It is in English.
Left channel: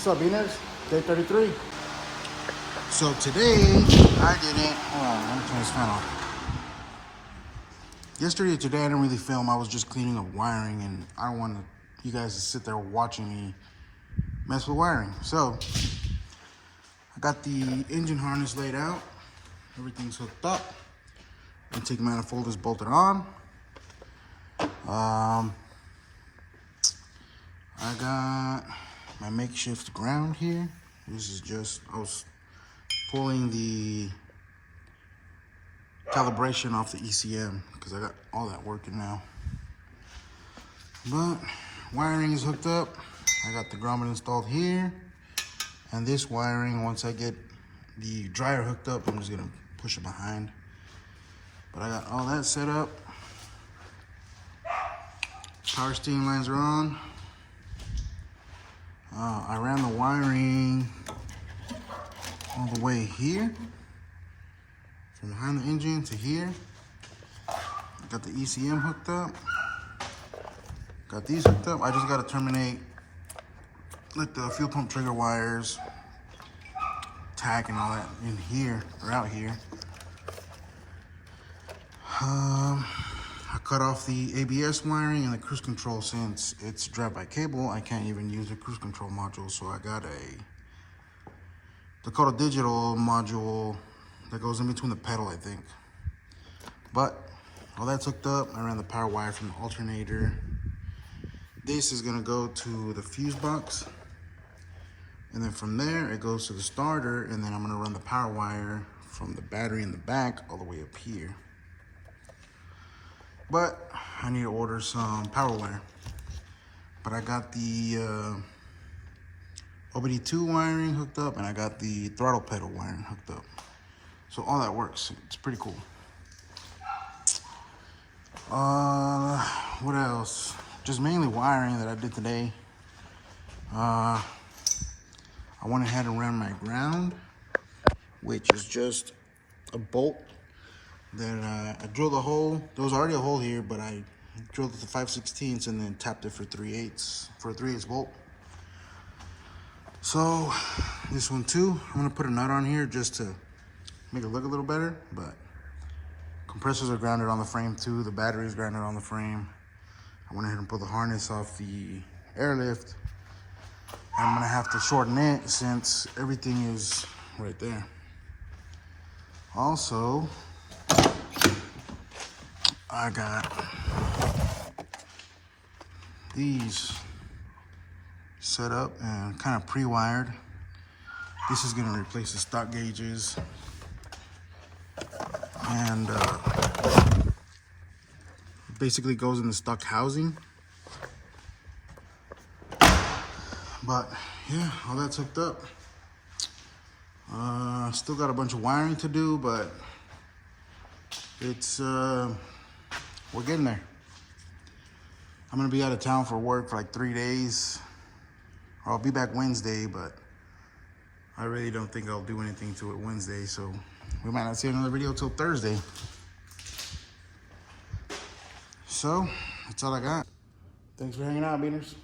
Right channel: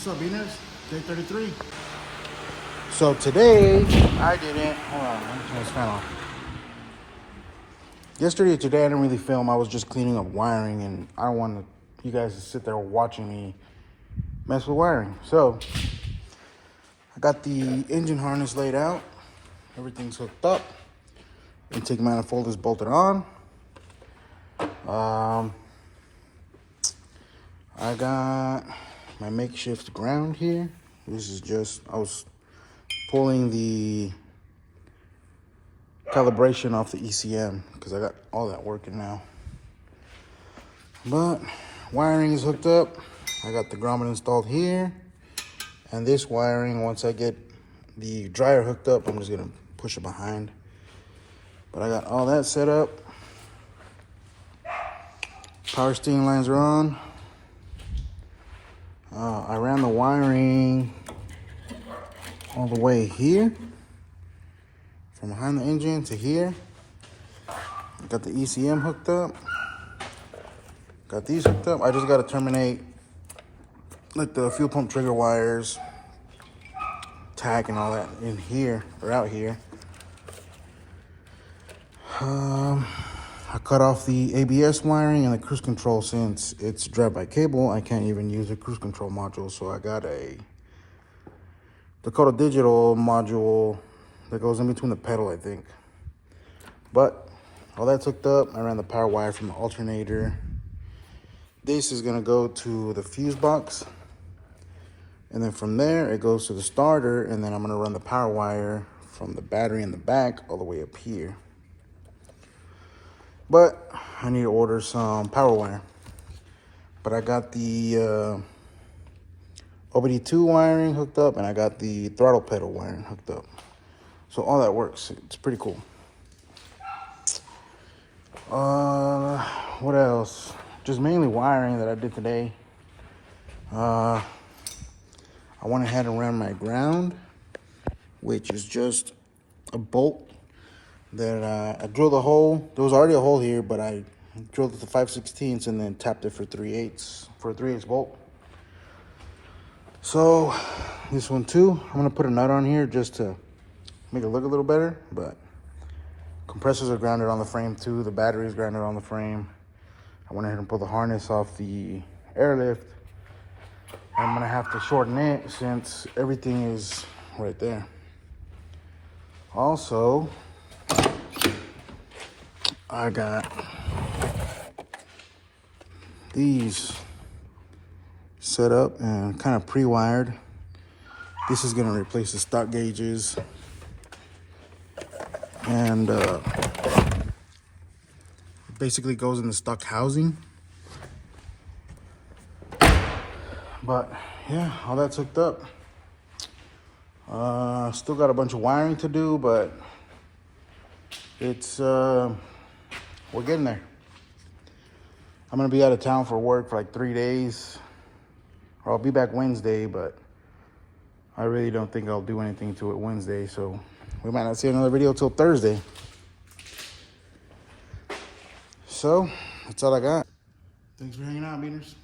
What's up, Beaners? Day 33. So today, I didn't, hold on, let me turn this fan off. Yesterday and today, I didn't really film. I was just cleaning up wiring, and I don't want you guys to sit there watching me mess with wiring. So, I got the engine harness laid out. Everything's hooked up. Intake manifold is bolted on. I got my makeshift ground here. This is just, I was pulling the calibration off the ECM because I got all that working now. But wiring is hooked up. I got the grommet installed here. And this wiring, once I get the dryer hooked up, I'm just gonna push it behind. But I got all that set up. Power steering lines are on. I ran the wiring all the way here, from behind the engine to here. Got the ECM hooked up. Got these hooked up. I just got to terminate like the fuel pump trigger wires, tach and all that in here or out here. I cut off the ABS wiring and the cruise control. Since it's drive-by cable, I can't even use the cruise control module, so I got a Dakota Digital module that goes in between the pedal, I think. But all that's hooked up. I ran the power wire from the alternator. This is gonna go to the fuse box, and then from there it goes to the starter, and then I'm gonna run the power wire from the battery in the back all the way up here. But I need to order some power wire. But I got the OBD2 wiring hooked up, and I got the throttle pedal wiring hooked up. So all that works. It's pretty cool. What else? Just mainly wiring that I did today. I went ahead and ran my ground, which is just a bolt that I drilled a hole. There was already a hole here, but I drilled it to 5/16 and then tapped it for 3/8 for a 3/8 bolt. So this one too, I'm gonna put a nut on here just to make it look a little better, but compressors are grounded on the frame too. The battery is grounded on the frame. I went ahead and pulled the harness off the airlift, and I'm gonna have to shorten it since everything is right there. Also, I got these set up and kind of pre-wired. This is gonna replace the stock gauges, and basically goes in the stock housing. But yeah, all that's hooked up. Still got a bunch of wiring to do, but it's we're getting there. I'm gonna be out of town for work for like 3 days, or I'll be back Wednesday, but I really don't think I'll do anything to it Wednesday, so we might not see another video till Thursday. So that's all I got. Thanks for hanging out, Beaners.